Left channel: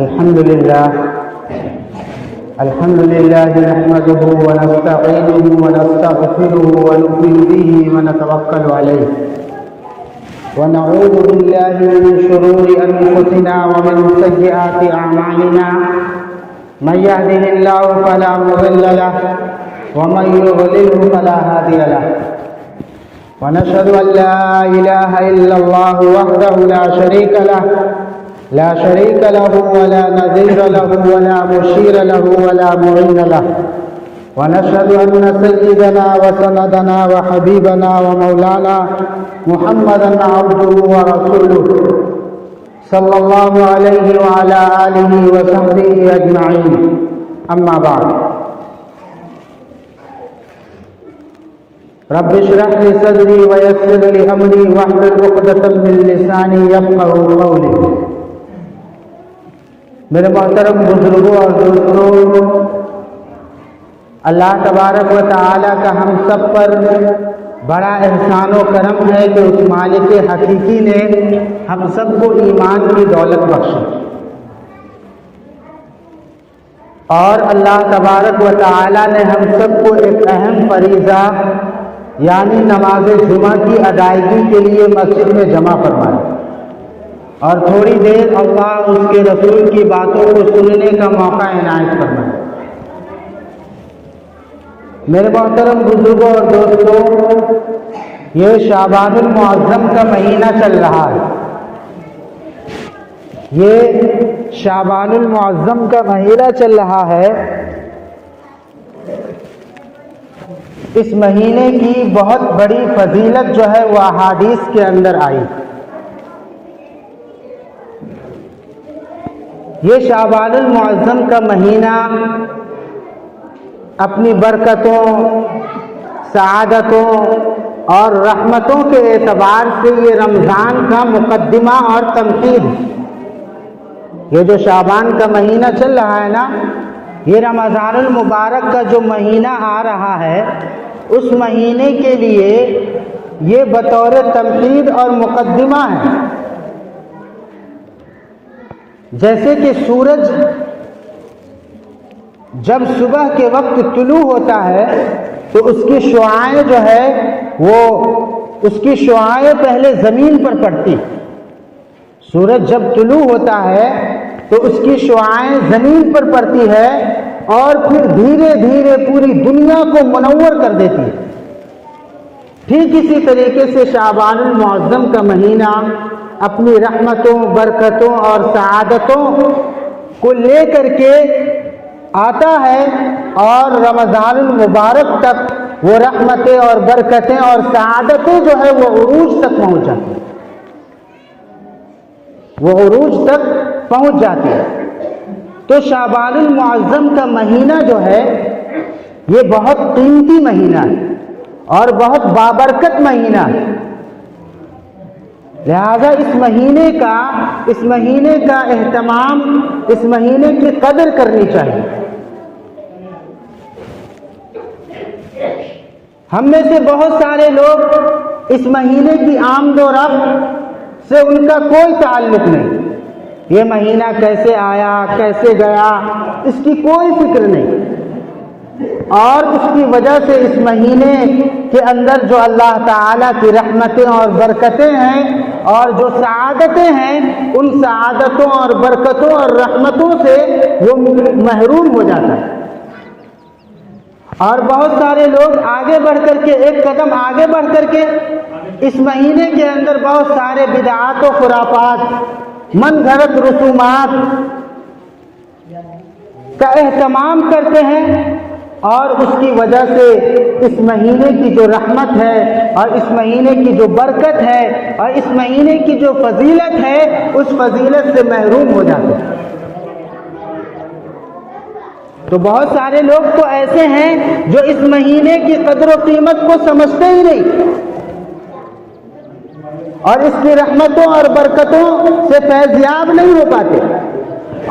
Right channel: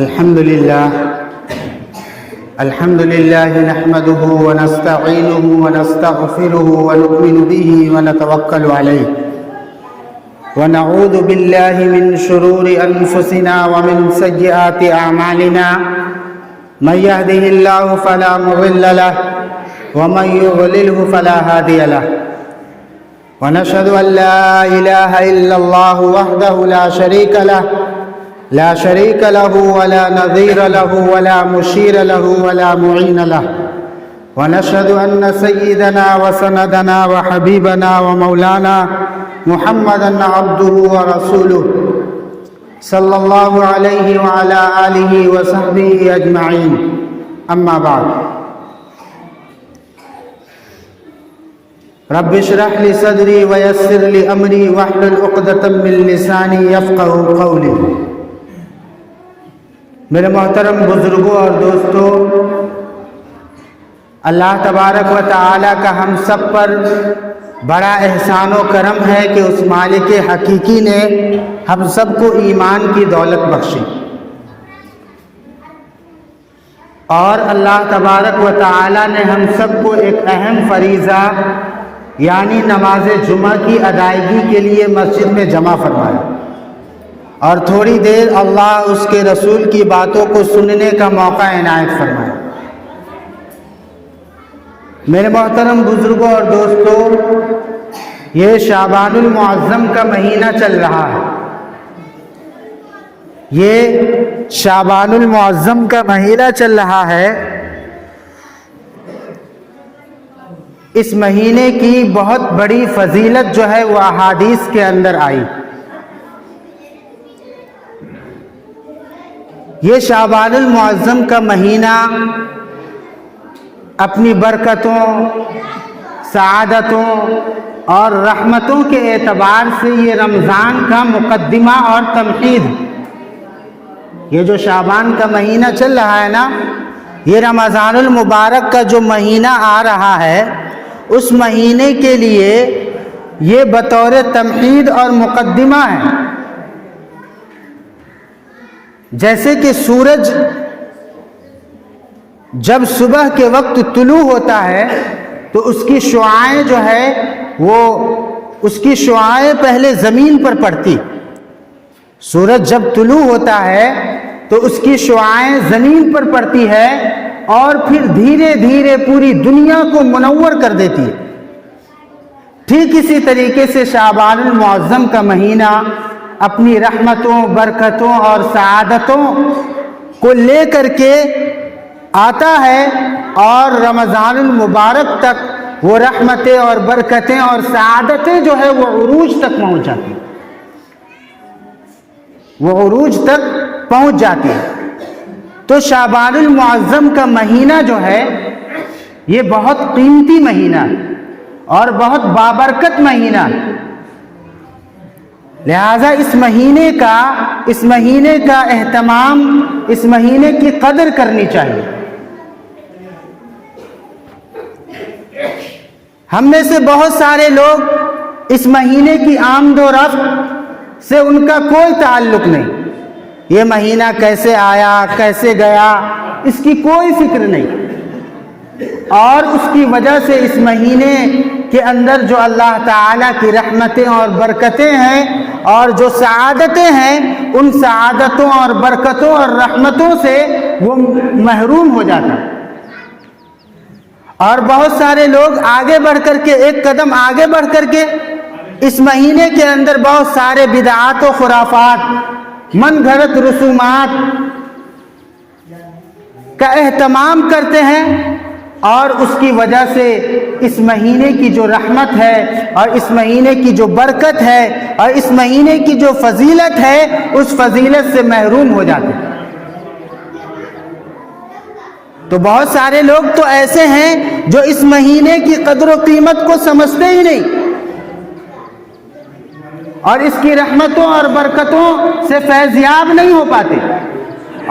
الحمد لله نحمده ونستعينه ونستغفره ونؤمن به ونتوكل عليه ونعوذ بالله من شرور أنفسنا ومن سيئات أعمالنا من يهده الله فلا مضل له ومن يضلله فلا هادي له ونشهد أن لا إله إلا الله وحده لا شريك له ولا نظير له ولا مشير له ولا معين له ونشهد أن سيدنا وسندنا وحبيبنا ومولانا محمدا عبده ورسوله صلى الله عليه وعلى آله وصحبه أجمعين أما بعد رب اشرح لي صدري ويسر لي أمري واحلل عقدة من لساني يفقهوا قولي. میرے محترم بزرگوں اور دوستوں، اللہ تبارک و تعالی کا ہم سب پر بڑا احسان و کرم ہے کہ اس مالک حقیقی نے ہم سب کو ایمان کی دولت بخشی، اور اللہ تبارک و تعالی نے ہم سب کو ایک اہم فریضہ یعنی نماز جمعہ کی ادائیگی کے لیے مسجد میں جمع فرمایا، اور تھوڑی دیر اللہ اس کے رسول کی باتوں کو سننے کا موقع عنایت فرمائے. میرے محترم بزرگوں اور دوستوں، یہ شعبان المعظم کا مہینہ چل رہا ہے. یہ شعبان المعظم کا مہینہ چل رہا ہے. اس مہینے کی بہت بڑی فضیلت جو ہے وہ احادیث کے اندر آئی. یہ شعبان المعظم کا مہینہ اپنی برکتوں، سعادتوں اور رحمتوں کے اعتبار سے یہ رمضان کا مقدمہ اور تمہید. یہ جو شعبان کا مہینہ چل رہا ہے نا، یہ رمضان المبارک کا جو مہینہ آ رہا ہے، اس مہینے کے لیے یہ بطور تمہید اور مقدمہ ہے. جیسے کہ سورج جب صبح کے وقت طلوع ہوتا ہے تو اس کی شعاعیں جو ہے وہ اس کی شعاعیں پہلے زمین پر پڑتی. سورج جب طلوع ہوتا ہے تو اس کی شعاعیں زمین پر پڑتی ہے اور پھر دھیرے دھیرے پوری دنیا کو منور کر دیتی. ٹھیک اسی طریقے سے شعبان المعظم کا مہینہ اپنی رحمتوں، برکتوں اور سعادتوں کو لے کر کے آتا ہے، اور رمضان المبارک تک وہ رحمتیں اور برکتیں اور سعادتیں جو ہے وہ عروج تک پہنچ جاتی ہیں. وہ عروج تک پہنچ جاتی ہے. تو شعبان المعظم کا مہینہ جو ہے یہ بہت قیمتی مہینہ اور بہت بابرکت مہینہ. لہذا اس مہینے کا اہتمام، اس مہینے کی قدر کرنی چاہیے. ہم میں سے بہت سارے لوگ اس مہینے کی آمد و رفت سے ان کا کوئی تعلق نہیں. یہ مہینہ کیسے آیا، کیسے گیا، اس کی کوئی فکر نہیں. اور اس کی وجہ سے اس مہینے کے اندر جو اللہ تعالیٰ کی رحمتیں اور برکتیں ہیں اور جو سعادتیں ہیں، ان سعادتوں اور برکتوں اور رحمتوں سے وہ محروم ہو جاتا ہے. اور بہت سارے لوگ آگے بڑھ کر کے، ایک قدم آگے بڑھ کر کے، اس مہینے کے اندر بہت سارے بدعات و خرافات، من گھڑت رسومات کا اہتمام کرتے ہیں، اور اس کی وجہ سے اس مہینے کی جو رحمت ہے اور اس مہینے کی جو برکت ہے اور اس مہینے کی جو فضیلت ہے، اس فضیلت سے محروم ہو جاتے ہیں. تو بہت سارے لوگ تو ایسے ہیں جو اس مہینے کی قدر و قیمت کو سمجھتے ہی نہیں، اور اس کی رحمتوں اور برکتوں سے فیضیاب نہیں ہو پاتے.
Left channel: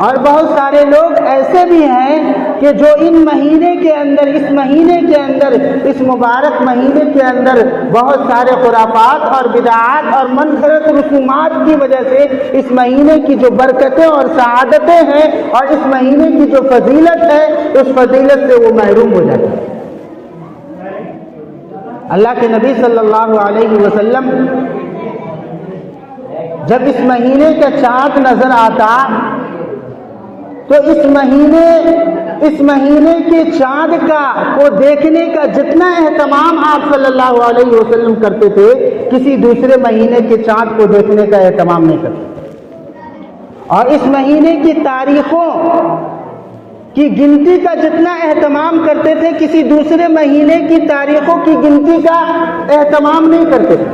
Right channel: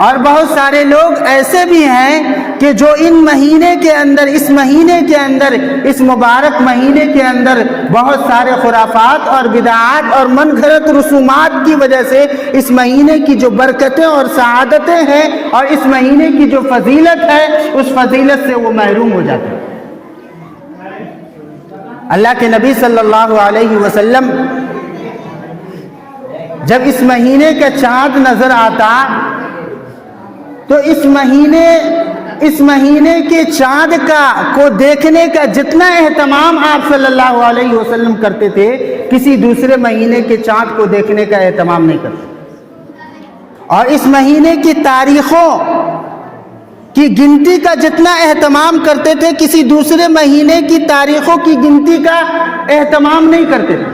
اور بہت سارے لوگ ایسے بھی ہیں کہ جو ان مہینے کے اندر، اس مہینے کے اندر، اس مبارک مہینے کے اندر بہت سارے خرافات اور بدعات اور من گھڑت رسومات کی وجہ سے اس مہینے کی جو برکتیں اور سعادتیں ہیں اور اس مہینے کی جو فضیلت ہے اس فضیلت سے وہ محروم ہو جاتے ہیں۔ اللہ کے نبی صلی اللہ علیہ وسلم جب اس مہینے کا چاند نظر آتا تو اس مہینے کے چاند کو دیکھنے کا جتنا اہتمام آپ صلی اللہ علیہ وسلم کرتے تھے کسی دوسرے مہینے کے چاند کو دیکھنے کا اہتمام نہیں کرتے، اور اس مہینے کی تاریخوں کی گنتی کا جتنا اہتمام کرتے تھے کسی دوسرے مہینے کی تاریخوں کی گنتی کا اہتمام نہیں کرتے تھے۔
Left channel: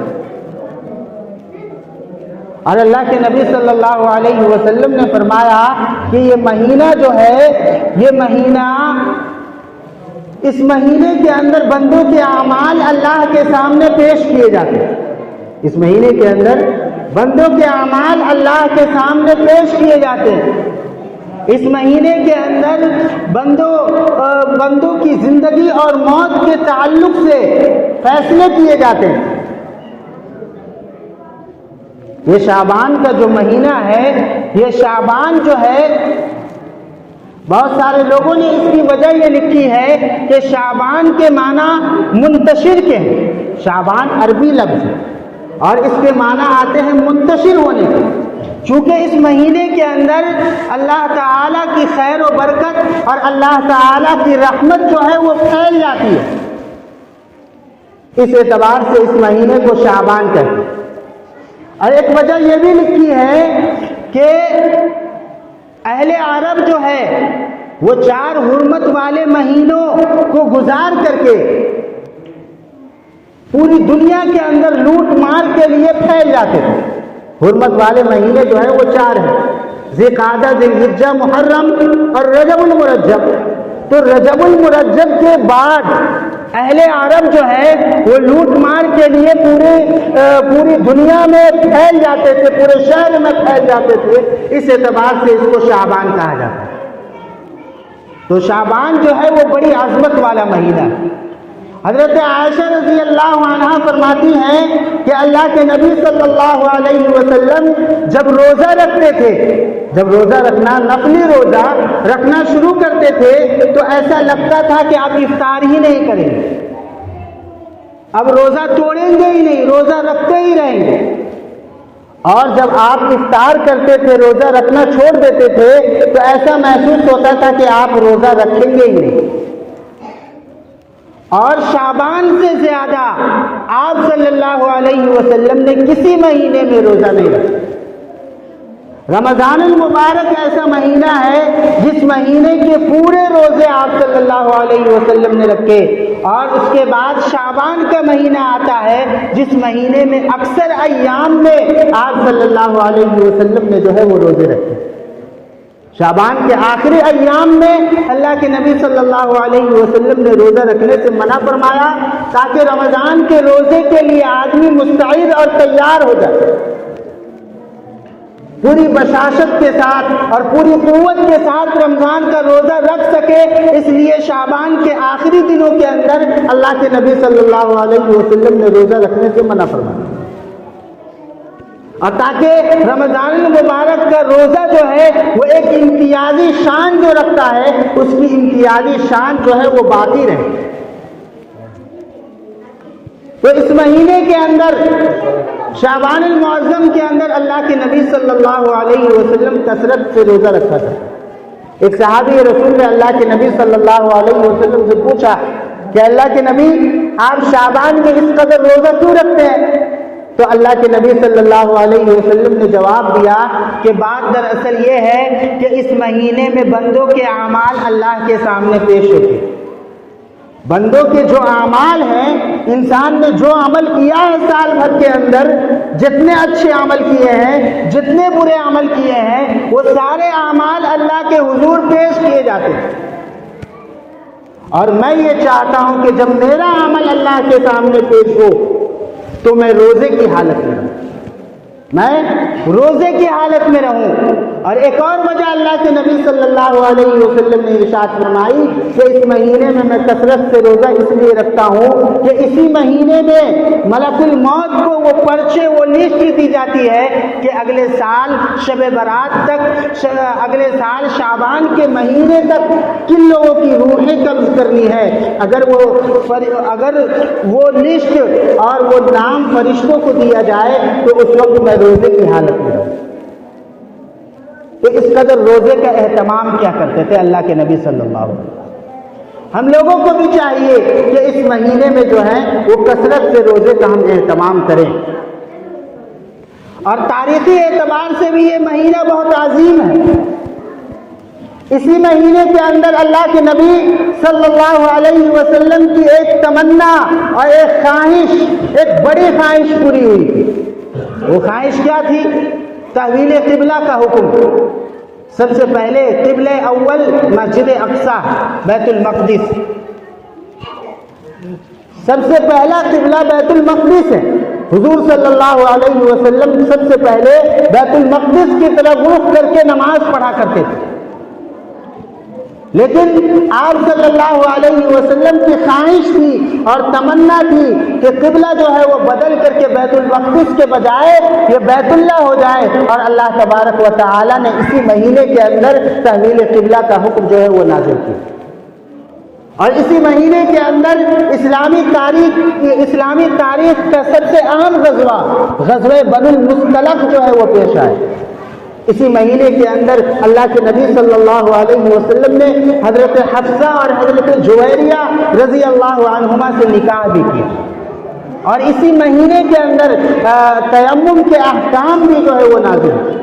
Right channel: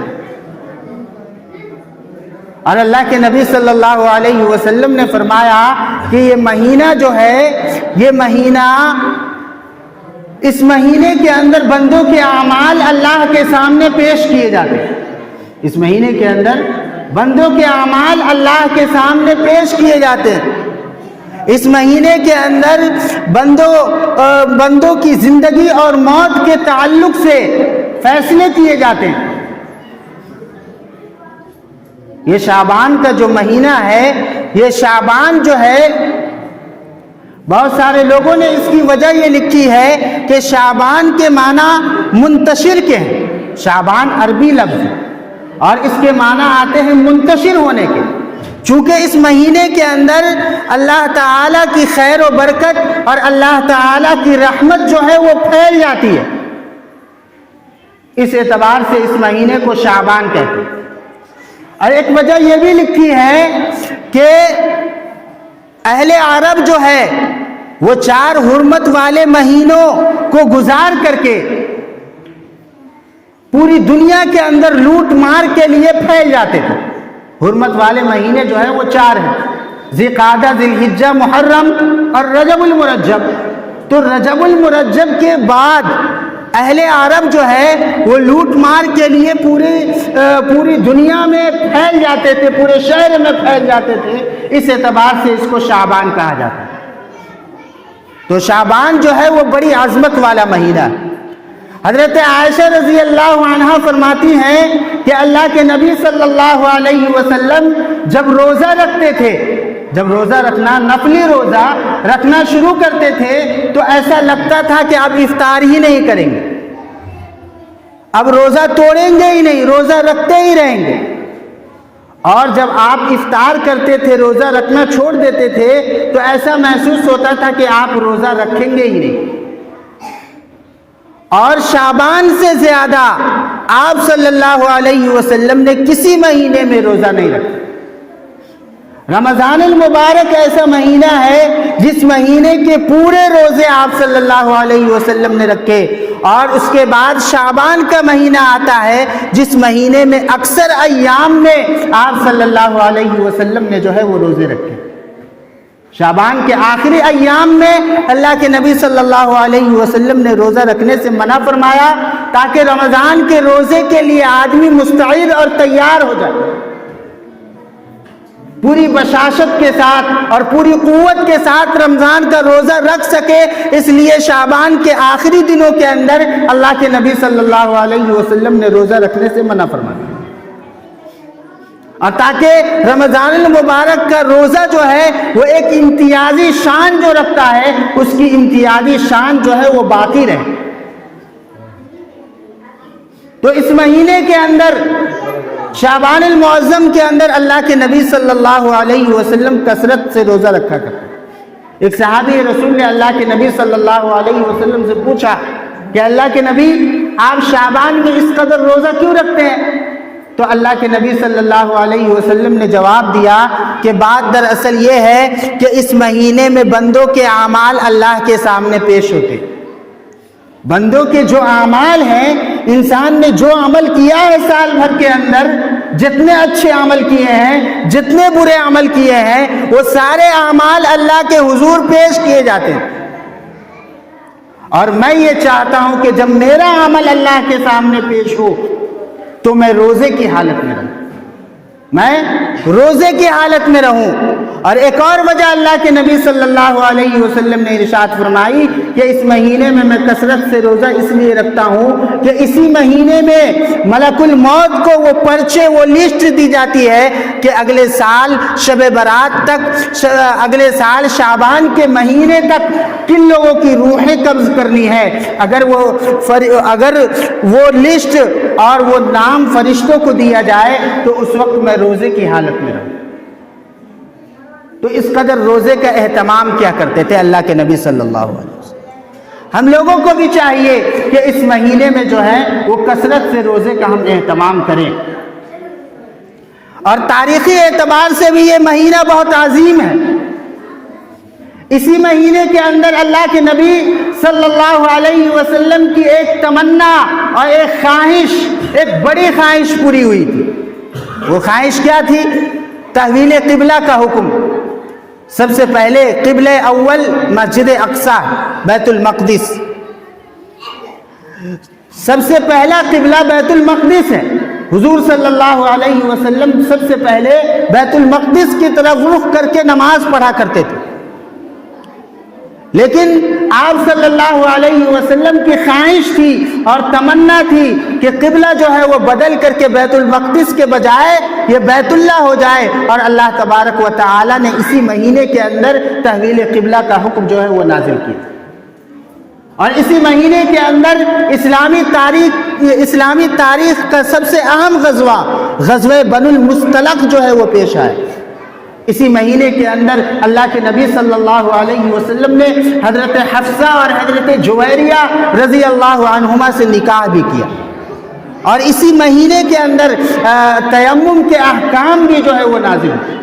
اور اللہ کے نبی صلی اللہ علیہ وسلم نے فرمایا کہ یہ مہینہ جو ہے، یہ مہینہ، اس مہینے کے اندر بندوں کے اعمال اللہ کے سامنے پیش کیے جاتے ہیں۔ اس مہینے کے اندر بندوں کے اعمال اللہ کے سامنے پیش کیے جاتے ہیں۔ اس مہینے کے اندر بندوں کی زندگی اور موت کے تعلق سے فیصلے کیے جاتے ہیں۔ یہ شعبان کا جو مہینہ ہے، یہ شعبان جو ہے، بہت سارے لوگوں نے اس کی وجہ یہ لکھی ہے کہ شعبان کے معنی منتشر کے ہیں۔ شعبان عربی لفظ ہے اور اس کے معنی آتے ہیں منتشر ہونے کے، چونکہ اس مہینے کے اندر اللہ تعالیٰ کی خیر و برکت اور اللہ تعالیٰ کی رحمت جو ہے وہ پھیل جاتی ہے، اس اعتبار سے اس مہینے کو شعبان کہتے ہیں۔ اور ایک وجہ یہ بھی لکھی ہے کہ اہل عرب جو ہے وہ 4 حرمت والے مہینوں کو گزار کر کے پوری دنیا کے اندر لوٹ مار کے لیے پھیل جاتے تھے۔ حرمت والے مہینے جو ہے وہ 4 ہیں، ذی قعدہ، ذی الحجہ، محرم اور رجب المرجب۔ تو رجب المرجب کے بعد اہل عرب جو ہے وہ لوٹ مار کے لیے پوری دنیا میں پھیل جاتے تھے، پورے شہر میں پھیل جاتے تھے، اس اعتبار سے اس کو شعبان کہا جاتا ہے۔ تو شعبان جو ہے وہ بڑی عظمت والا مہینہ ہے۔ حضرت عائشہ رضی اللہ عنہا فرماتی ہیں کہ اللہ کے نبی صلی اللہ علیہ وسلم جب روزہ رکھتے تھے، جب روزہ رکھنا، نفلی روزہ رکھنا شروع کرتے تھے تو ایسا لگتا تھا کہ اب افطار ہی نہیں کریں گے، اب روزہ توڑیں گے ہی نہیں، روزہ رکھتے ہی رہیں گے۔ اور جب آپ افطار کرتے تھے، روزہ رکھنا چھوڑ دیتے تھے تو ایسا محسوس ہوتا تھا کہ آپ روزہ رکھیں گے ہی نہیں۔ اور شعبان سے زیادہ آپ صلی اللہ علیہ وسلم نے کسی مہینے میں روزہ نہیں رکھا۔ رمضان المبارک ایسا مہینہ ہے جس مہینے کے پورے روزے آپ صلی اللہ علیہ وسلم نے رکھے، اور اس کے بعد شعبان کا مہینہ آتا ہے جس مہینے میں اکثر ایام میں آپ صلی اللہ علیہ وسلم نے جو ہے وہ روزے رکھے۔ شعبان کے آخری ایام میں اللہ کے نبی صلی اللہ علیہ وسلم نے روزہ رکھنے سے منع فرمایا تاکہ رمضان کے روزے کے لیے آدمی مستعد اور تیار ہو جائے، پوری بشاشت کے ساتھ اور پوری قوت کے ساتھ رمضان کا روزہ رکھ سکے۔ اس لیے شعبان کے آخری دنوں کے اندر اللہ کے نبی صلی اللہ علیہ وسلم نے روزہ رکھنے سے منع فرمایا، اور تاکہ رمضان المبارک کا روزہ جو ہے وہ ایک امتیازی شان جو رکھتا ہے، اس کی امتیازی شان جو ہے وہ باقی رہے۔ تو اس مہینے کے اندر، شعبان المعظم کے اندر، اللہ کے نبی صلی اللہ علیہ وسلم کثرت سے روزہ رکھا کرتے۔ ایک صحابی رسول نے اللہ کے نبی صلی اللہ علیہ وسلم سے پوچھا کہ اللہ کے نبی، آپ شعبان میں اس قدر روزہ کیوں رکھتے ہیں؟ تو اللہ کے نبی صلی اللہ علیہ وسلم نے جواب دیا کہ بات دراصل یہ ہے کہ اس مہینے میں بندوں کے اعمال اللہ کے سامنے پیش ہوتے، بندوں کے جو اعمال ہیں، انسان نے جو عمل کیا ہے سال بھر کے اندر، جتنے اچھے عمل کیے ہیں، جتنے برے عمل کیے ہیں، وہ سارے اعمال اللہ کے حضور پیش کیے جاتے ہیں۔ اور میں یہ چاہتا ہوں کہ جب میرا عمل اللہ کے سامنے پیش ہو تو میں روزے کی حالت میں رہوں۔ میں روزے کی حالت میں رہوں۔ اور ایک اور وجہ اللہ کے نبی صلی اللہ علیہ وسلم نے ارشاد فرمائی کہ اس مہینے میں میں کثرت سے روزہ اس لیے رکھتا ہوں کہ اسی مہینے میں ملک الموت کو وہ پرچے، وہ لسٹ دی جاتی ہے کہ اگلے سال شب برات تک، اگلے سال شعبان کے مہینے تک کن لوگوں کی روحیں قبض کرنی ہے۔ اگر وہ لسٹ اور وہ نام فرشتوں کو دیا جائے تو اس وقت میں روزے کی حالت میں رہوں۔ تو اس قدر روزے کا اہتمام کیا کرتے تھے اللہ کے نبی صلی اللہ علیہ وسلم۔ ہم لوگوں کو بھی چاہیے کہ اس مہینے میں جو ہے وہ کثرت سے روزے کا ہم اہتمام کریں۔ اور تاریخی اعتبار سے بھی یہ مہینہ بہت عظیم ہے۔ اسی مہینے کے اندر اللہ کے نبی صلی اللہ علیہ وسلم کی ایک تمنا اور ایک خواہش، ایک بڑی خواہش پوری ہوئی تھی۔ وہ خواہش کیا تھی؟ تحویل قبلہ کا حکم۔ سب سے پہلے قبلہ اول مسجد اقصی بیت المقدس، سب سے پہلا قبلہ بیت المقدس ہے۔ حضور صلی اللہ علیہ وسلم سب سے پہلے بیت المقدس کی طرف رخ کر کے نماز پڑھا کرتے تھے، لیکن آپ صلی اللہ علیہ وسلم کی خواہش تھی اور تمنا تھی کہ قبلہ جو ہے وہ بدل کر کے بیت المقدس کے بجائے یہ بیت اللہ ہو جائے، اور اللہ تبارک و تعالی نے اسی مہینے کے اندر تحویل قبلہ کا حکم جو ہے وہ نازل کیا۔ اور اسی مہینے کے اندر اسلامی تاریخ کا سب سے اہم غزوہ بنو المصطلق جو ہے وہ پیش آئے۔ اسی مہینے کے اندر اللہ کے نبی صلی اللہ علیہ وسلم نے حضرت حفصہ اور حضرت جویریہ رضی اللہ عنہما سے نکاح بھی کیا، اور اسی مہینے کے اندر تیمم کے احکام بھی جو ہے وہ نازل ہوئے۔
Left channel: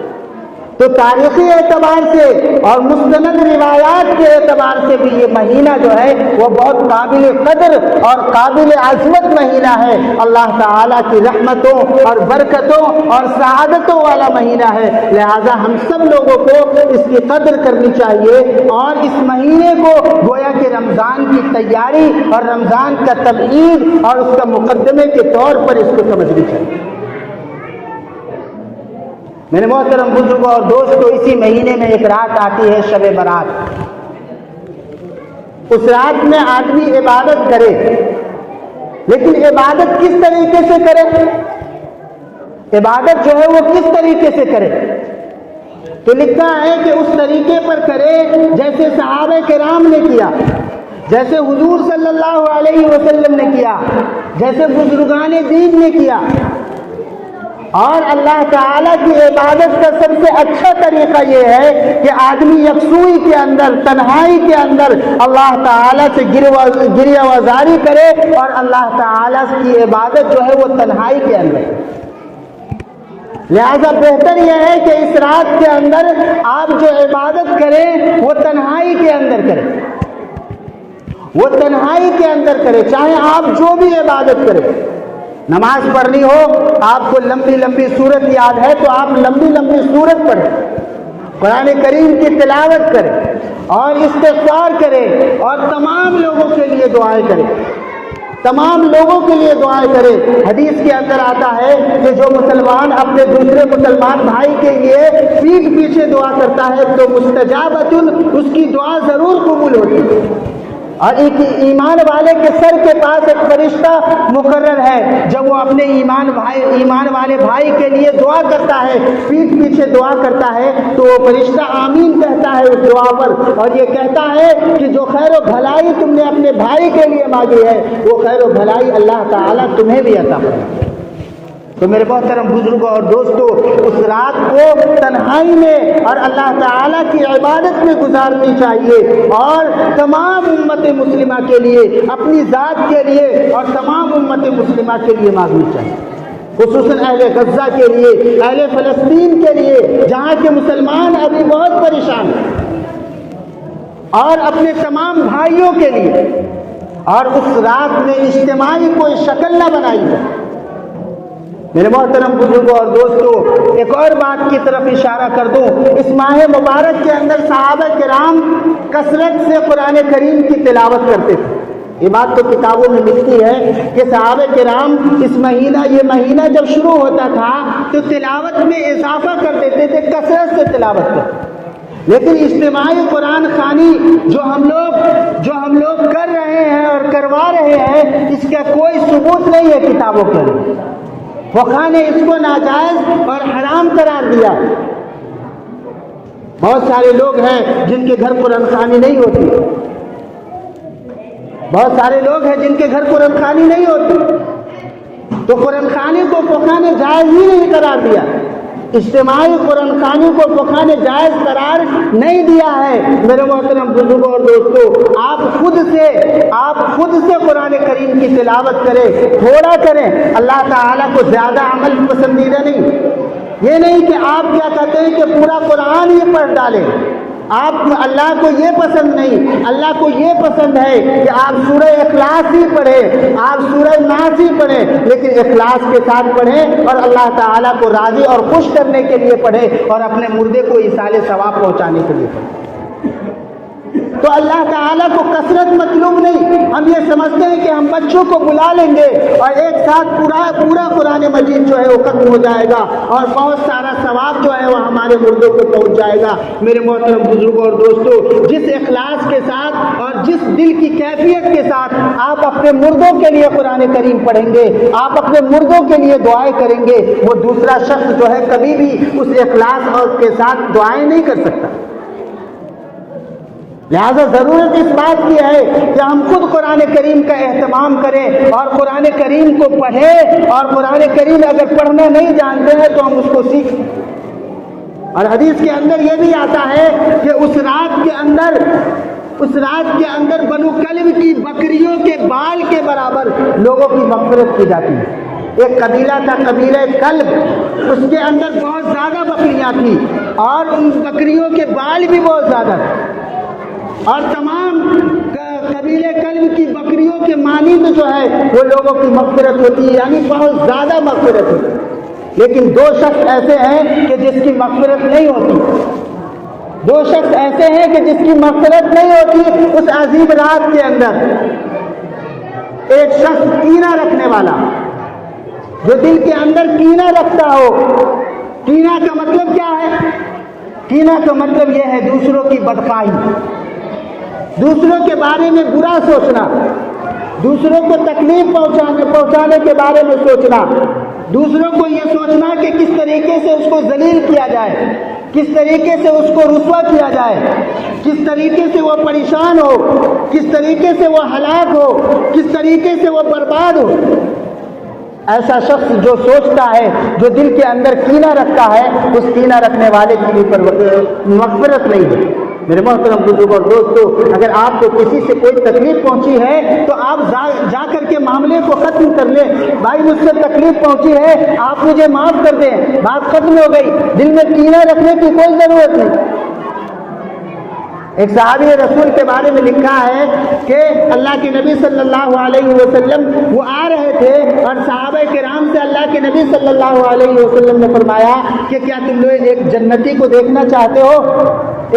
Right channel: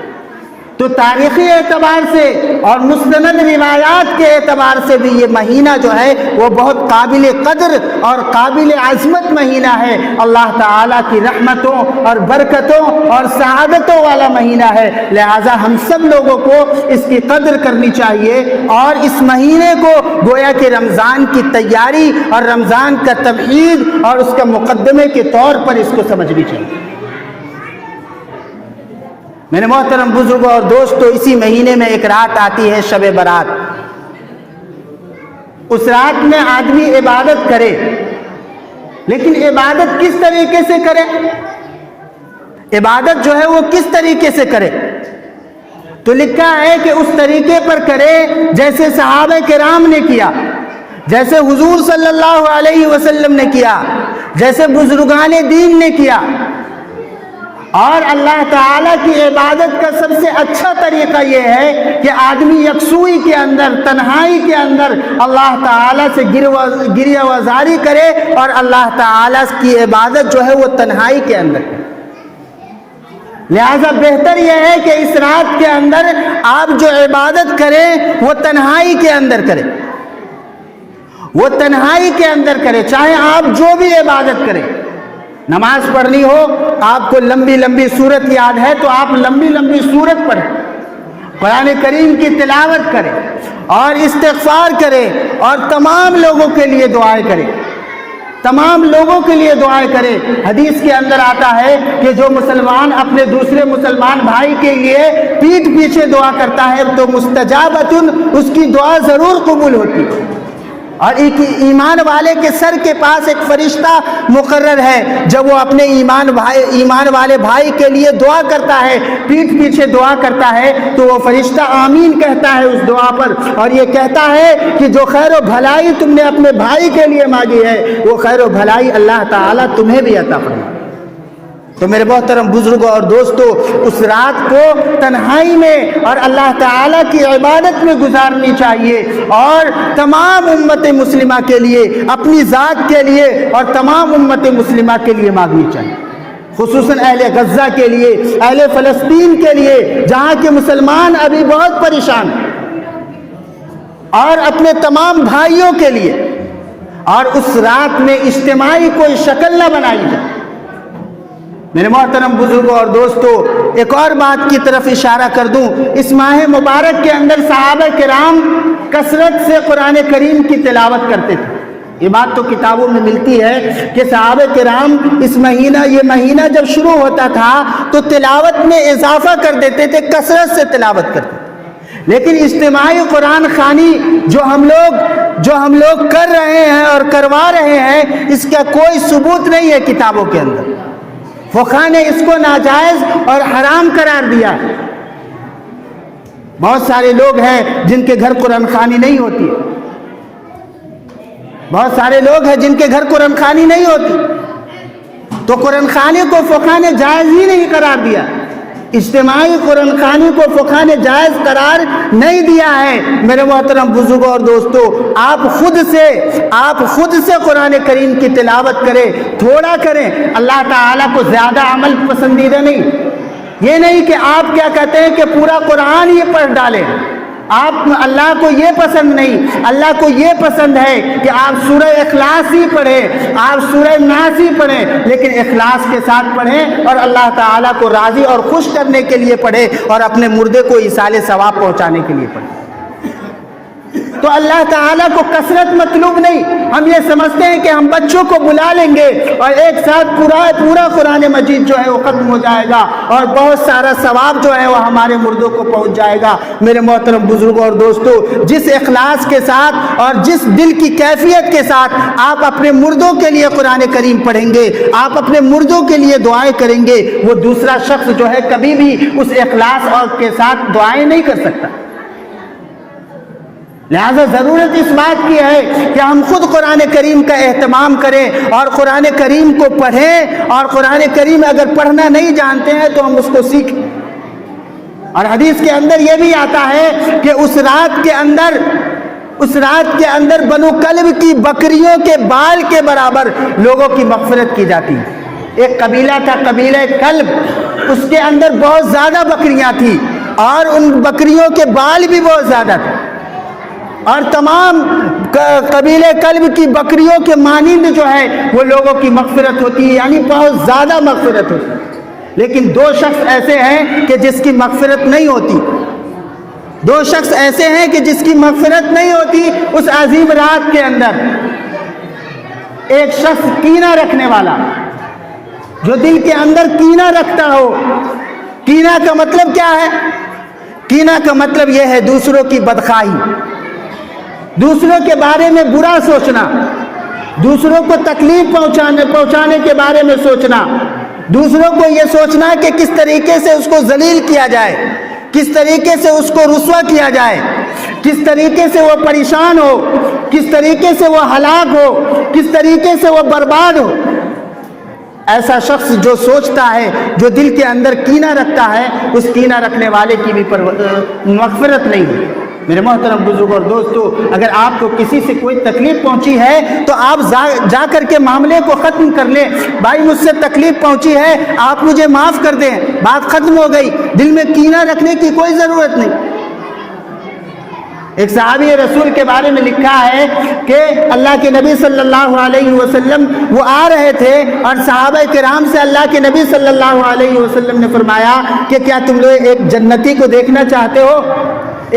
تو تاریخی اعتبار سے اور مستند روایات کے اعتبار سے بھی یہ مہینہ جو ہے وہ بہت قابل قدر اور قابل عظمت مہینہ ہے۔ اللہ تعالیٰ کی رحمتوں اور برکتوں اور سعادتوں والا مہینہ ہے، لہٰذا ہم سب لوگوں کو اس کی قدر کرنی چاہیے، اور اس مہینے کو گویا کہ رمضان کی تیاری اور رمضان کا تبعید اور اس کا مقدمے کے طور پر اس کو سمجھنی چاہیے۔ میرے محترم بزرگوں اور دوستوں، اسی مہینے میں ایک رات آتی ہے شب برات۔ اس رات میں آدمی عبادت کرے، لیکن عبادت کس طریقے سے کرے؟ عبادت جو ہے وہ کس طریقے سے کرے؟ تو لکھا ہے کہ اس طریقے پر کرے جیسے صحابہ کرام نے کیا، جیسے حضور صلی اللہ علیہ وسلم نے کیا، جیسے بزرگان دین نے کیا۔ اور اللہ تعالیٰ کی عبادت کا سب سے اچھا طریقہ یہ ہے کہ آدمی یکسوئی کے اندر، تنہائی کے اندر اللہ تعالیٰ سے گریہ وزاری کرے، اور اللہ تعالیٰ کی عبادت جو ہے وہ تنہائی کے اندر۔ لہذا بہتر یہ ہے کہ اس رات کے اندر آپ جو عبادت کریں وہ تنہائی کے اندر کریں، وہ تنہائی کے اندر کریں، چاہے آپ جو بھی عبادت کریں۔ نماز پڑھنی ہو، آپ کو لمبی لمبی سورت یاد ہے تو آپ لمبی لمبی سورت پڑھیں، قرآن کریم کی تلاوت کریں اور استغفار کریں، اور تمام لوگوں کے لیے دعائیں کریں، تمام لوگوں کے لیے دعائیں کریں۔ حدیث کے اندر آتا ہے کہ جو مسلمان اپنے دوسرے مسلمان بھائی کے لیے پیٹھ پیچھے دعا کرتا ہے تو مستجابۃ، اس کی دعا ضرور قبول ہوتی ہے۔ اور ایک ایمان والے کے سر کے پاس ایک فرشتہ مقرر ہے، جب وہ اپنے ایمان والے بھائی کے لیے دعا کرتا ہے، پیٹھ پیچھے دعا کرتا ہے، تو وہ فرشتہ آمین کہتا ہے اس دعا پر، اور یہ کہتا ہے کہ جو خیر و بھلائی تم نے اپنے بھائی کے لیے مانگی ہے وہ خیر و بھلائی اللہ تعالیٰ تمہیں بھی عطا فرمائے۔ تو میرے محترم بزرگوں اور دوستوں، اس رات کو تنہائی میں اور اللہ تعالیٰ کی عبادت میں گزارنی چاہیے، اور تمام امت مسلمہ کے لیے، اپنی ذات کے لیے اور تمام امت مسلمہ کے لیے مانگنی چاہیے، خصوصاً اہل غزہ کے لیے، اہل فلسطین کے لیے، جہاں کے مسلمان ابھی بہت پریشان ہیں، اور اپنے تمام بھائیوں کے لیے۔ اور اس رات میں اجتماعی کوئی شکل نہ بنائی جائے۔ میرے محترم بزرگوں اور دوستوں، ایک اور بات کی طرف اشارہ کر دوں، اس ماہ مبارک کے اندر صحابہ کرام کثرت سے قرآن کریم کی تلاوت کرتے تھے، یہ بات تو کتابوں میں ملتی ہے کہ صحابہ کرام اس مہینہ، یہ مہینہ جب شروع ہوتا تھا تو تلاوت میں اضافہ کر دیتے تھے، کثرت سے تلاوت کرتے تھے. لیکن اجتماعی قرآن خوانی جو ہم لوگ کر رہے ہیں اور کروا رہے ہیں، اس کا کوئی ثبوت نہیں ہے کتابوں کے اندر. فقہاء نے اس کو ناجائز اور حرام قرار دیا. بہت سارے لوگ ہیں جن کے گھر قرآن خوانی نہیں ہوتی، بہت سارے لوگ ہیں جن کے گھر قرآن خوانی نہیں ہوتی، تو قرآن خوانی کو فقہاء نے جائز ہی نہیں قرار دیا. اجتماعی قرآن خوانی کو فقہاء نے جائز قرار نہیں دیا ہے. میرے محترم بزرگوں اور دوستو، آپ خود سے قرآن کریم کی تلاوت کریں، تھوڑا کریں. اللہ تعالیٰ کو زیادہ عمل پسندیدہ نہیں. یہ نہیں کہ آپ کیا کہتے ہیں کہ پورا قرآن ہی پڑھ ڈالیں. اللہ کو یہ پسند نہیں. اللہ کو یہ پسند ہے کہ آپ سورہ اخلاص ہی پڑھیں، آپ سورہ ناس ہی پڑھیں، لیکن اخلاص کے ساتھ پڑھیں اور اللہ تعالیٰ کو راضی اور خوش کرنے کے لیے پڑھیں اور اپنے مردے کو ایصال ثواب پہنچانے کے لیے پڑھیں. تو اللہ تعالیٰ کو کثرت مطلوب نہیں. ہم یہ سمجھتے ہیں کہ ہم بچوں کو بلا لیں گے اور ایک ساتھ پورا قرآن مجید جو ہے وہ ختم ہو جائے گا اور بہت سارا ثواب جو ہے وہ ہمارے مردوں کو پہنچ جائے گا. میرے محترم بزرگوں اور دوستو، جس اخلاص کے ساتھ اور جس دل کی کیفیت کے ساتھ آپ اپنے مردوں کے لیے قرآن کریم پڑھیں گے، آپ اپنے مردوں کے لیے دعائیں کریں گے، وہ دوسرا شخص جو ہے کبھی بھی اس اخلاص اور کے ساتھ دعائیں نہیں کر سکتا. لہذا ضرورت اس بات کی ہے کہ ہم خود قرآن کریم کا اہتمام کریں اور قرآن کریم کو پڑھیں، اور قرآن کریم اگر پڑھنا نہیں جانتے ہیں تو ہم اس کو سیکھیں. اور حدیث کے اندر یہ بھی آتا ہے کہ اس رات کے اندر بنو کلب کی بکریوں کے بال کے برابر لوگوں کی مغفرت کی جاتی ہے. ایک قبیلہ تھا، قبیلہ کلب، اس کے اندر بہت زیادہ بکریاں تھیں اور ان بکریوں کے بال بھی بہت زیادہ تھے، اور تمام قبیلہ کلب کی بکریوں کے مانند جو ہے وہ لوگوں کی مغفرت ہوتی ہے، یعنی بہت زیادہ مغفرت ہوتی ہے. لیکن دو شخص ایسے ہیں کہ جس کی مغفرت نہیں ہوتی. دو شخص ایسے ہیں کہ جس کی مغفرت نہیں ہوتی اس عظیم رات کے اندر. ایک شخص کینہ رکھنے والا، جو دل کے اندر کینہ رکھتا ہو. کینہ کا مطلب کیا ہے؟ کینہ کا مطلب یہ ہے دوسروں کی بدخواہی، دوسروں کے بارے میں برا سوچنا، دوسروں کو تکلیف پہنچانے کے بارے میں سوچنا، دوسروں کو یہ سوچنا کہ کس طریقے سے اس کو ذلیل کیا جائے، کس طریقے سے اس کو رسوا کیا جائے، کس طریقے سے وہ پریشان ہو، کس طریقے سے وہ ہلاک ہو، کس طریقے سے وہ برباد ہو. ایسا شخص جو سوچتا ہے، جو دل کے اندر کینہ رکھتا ہے، اس کینہ رکھنے والے کی بھی مغفرت نہیں ہے. میرے محترم بزرگ اور دوستو، اگر آپ کو کسی سے کوئی تکلیف پہنچی ہے تو آپ جا کر کے معاملے کو ختم کر لیں. بھائی مجھ سے تکلیف پہنچی ہے، آپ مجھے معاف کر دیں، بات ختم ہو گئی. دل میں کینہ رکھنے کی کوئی ضرورت نہیں. ایک صحابی رسول کے بارے میں لکھا ہے کہ اللہ کے نبی صلی اللہ علیہ وسلم وہ آ رہے تھے اور صحابہ کرام سے اللہ کے نبی صلی اللہ علیہ وسلم نے فرمایا کہ کیا تم لوگ ایک جنتی کو دیکھنا چاہتے ہو؟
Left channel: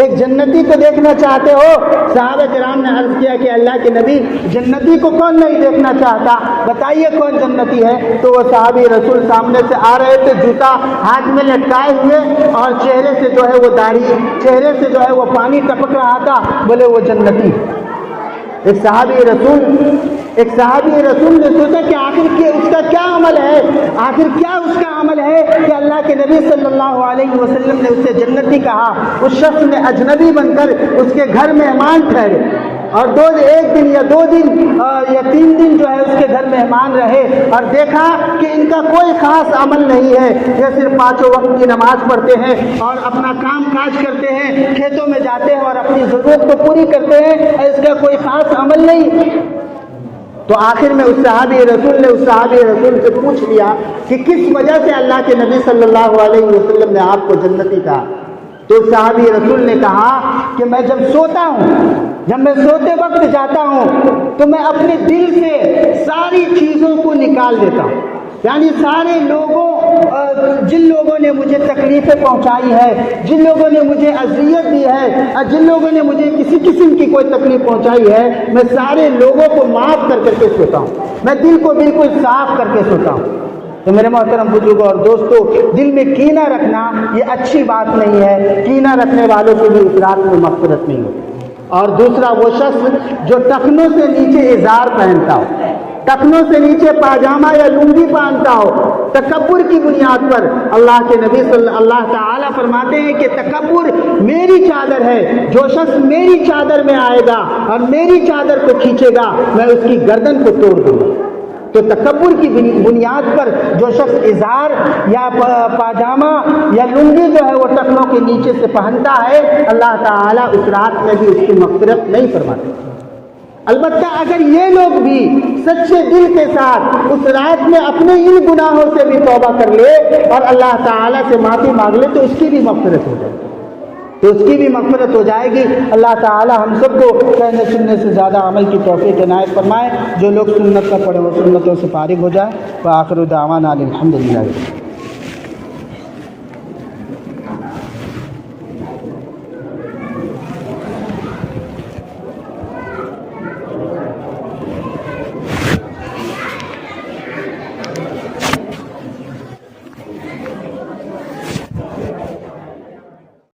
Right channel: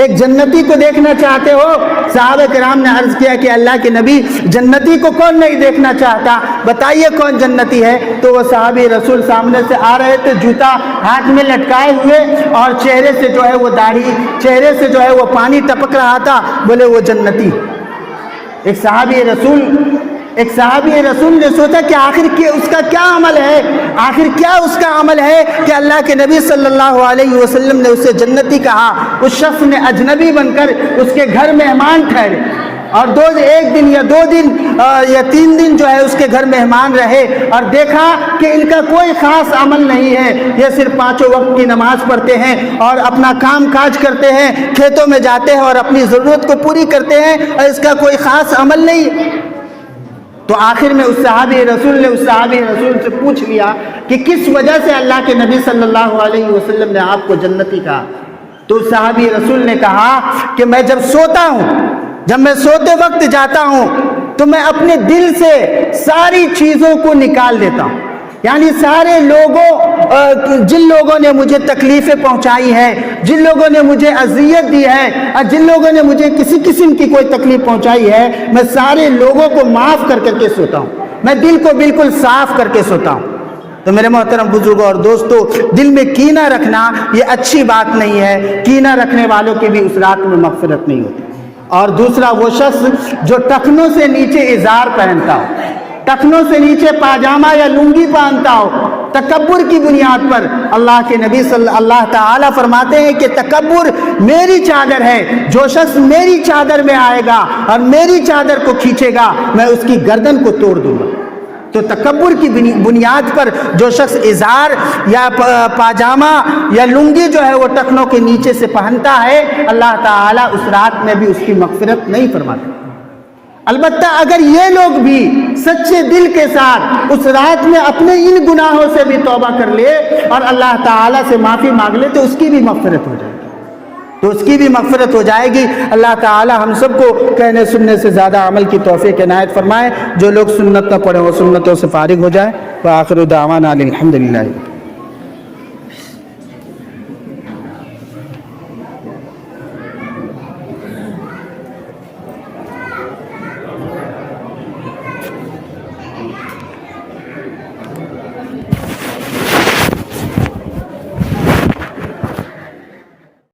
ایک جنتی کو دیکھنا چاہتے ہو؟ صحابہ کرام نے عرض کیا کہ اللہ کے نبی جنتی کو کون نہیں دیکھنا چاہتا، بتائیے کون جنتی ہے. تو وہ صحابی رسول سامنے سے آ رہے تھے، جوتا ہاتھ میں لٹکائے ہوئے اور چہرے سے جو ہے وہ داڑھی، چہرے سے جو ہے وہ پانی ٹپک رہا تھا. بولے وہ جنتی. ایک صحابی رسول نے سوچا کہ آخر اس کا کیا عمل ہے، آخر کیا اس کا عمل ہے کہ اللہ کے نبی صلی اللہ علیہ وسلم نے اسے جنتی کہا. اس شخص نے اجنبی بن کر اس کے گھر مہمان ٹھہرے اور ایک دن یا 2 دن یا 3 دن جو ہے اس کے گھر مہمان رہے اور دیکھا کہ ان کا کوئی خاص عمل نہیں ہے، یہ صرف 5 وقت کی نماز پڑھتے ہیں اور اپنا کام کاج کرتے ہیں، کھیتوں میں جاتے ہیں اور اپنی ضرورت کو پوری کرتے ہیں اور اس کا کوئی خاص عمل نہیں. تو آخر میں اس صحابی رسول سے پوچھ لیا کہ کس وجہ سے اللہ کے نبی صلی اللہ علیہ وسلم نے آپ کو جنتی کہا. تو صحابی رسول نے کہا کہ میں جب میں سوتے وقت جاتا ہوں تو میں اپنے دل سے ساری چیزوں کو نکال دیتا ہوں. یعنی سارے لوگوں جن لوگوں نے مجھے تکلیفیں پہنچائی ہیں، جن لوگوں نے مجھے اذیت دی ہے اور جن لوگوں نے مجھے کسی قسم کی کوئی تکلیف پہنچائی ہے، میں سارے لوگوں کو معاف کر کے سوتا ہوں، میں دل کو بالکل صاف کر کے سوتا ہوں۔ تو میرے محترم بزرگوں اور دوستو، دل میں کینہ رکھنا یہ اچھی بات نہیں ہے، کینہ رکھنے والوں کی بھی اس رات میں مغفرت نہیں ہوتی۔ اور دوسرا وہ شخص جو ٹخنوں سے نیچے ازار پہنتا ہو، ٹخنوں سے نیچے پاجامہ یا لنگی پہنتا ہو، تکبر کی بنیاد پر، اللہ کے نبی اللہ تعالیٰ فرماتے ہیں کہ تکبر میری چادر ہے، جو شخص میری چادر میں آئے گا اور میری چادر کو کھینچے گا میں اس کی گردن کو توڑ دوں گا۔ تو تکبر کی بنیاد پر جو شخص ازار یا پاجامہ یا لنگی جو ہے وہ ٹخنوں کے نیچے سے پہنتا ہے، اللہ تعالیٰ اس رات میں بھی اس کی مغفرت نہیں فرماتے۔ البتہ اگر یہ لوگ بھی سچے دل کے ساتھ اس رات میں اپنے ان گناہوں سے بھی توبہ کر لے اور اللہ تعالیٰ سے معافی مانگ لے تو اس کی بھی مغفرت ہو جائے گی، تو اس کی بھی مغفرت ہو جائے گی۔ اللہ تعالیٰ ہم سب کو کہنے سننے سے زیادہ عمل کی توفیق عنایت فرمائے۔ جو لوگ سنت نہ پڑھے وہ سنتوں سے فارغ ہو جائے۔ وآخر دعوانا الحمدللہ۔